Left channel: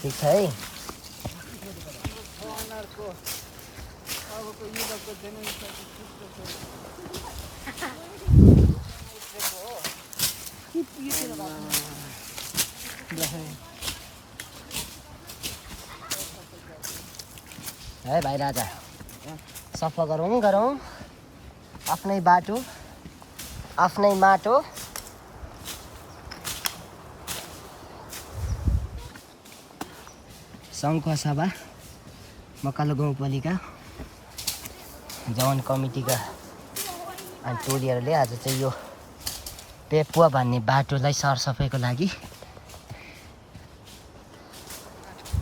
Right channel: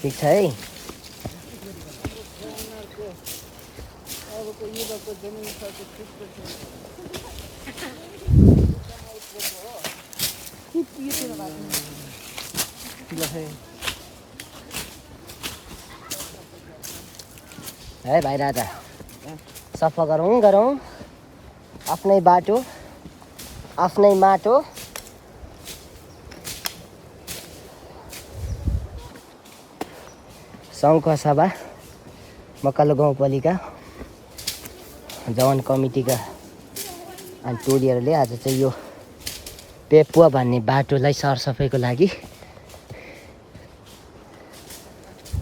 ठिक छ है है भाइ राजा सफा गरौँ आफ्नै बाटो आफ्नै माटो सङ्घको सभा मकालो गाउँपालिका जवान कमिटीका टोलीहरूले आज चाहिँ यो पेपुवा भन्ने बाटोलाई सरसफाइको लागि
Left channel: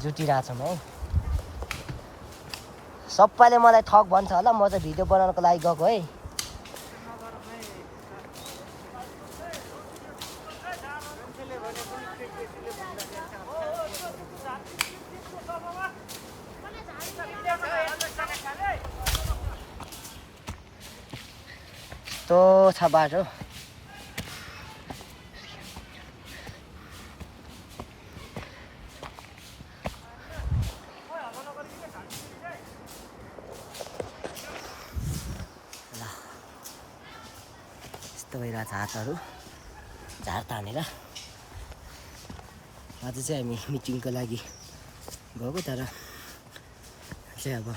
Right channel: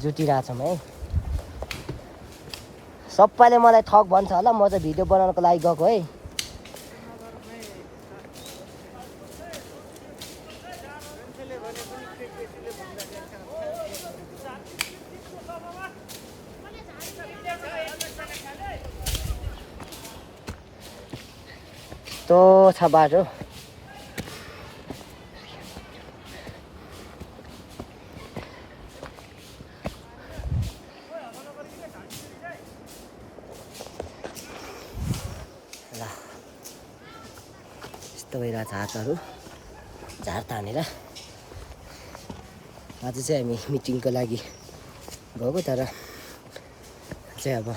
जुटिरहेछौँ है सबैले मलाई ठग भन्छ होला म चाहिँ भिडियो बनाउनको लागि गएको है यस्तो छ बाटो ल यस्तो भइरहेछ हातहरू झार तानेर आज चाहिँ हामी मिटिङको लागि गएको तर चाहिँ अब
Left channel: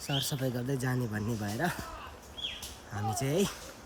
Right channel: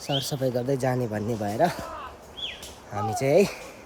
सरसफाइ गर्दै जाने भन्ने भएर हामी चाहिँ है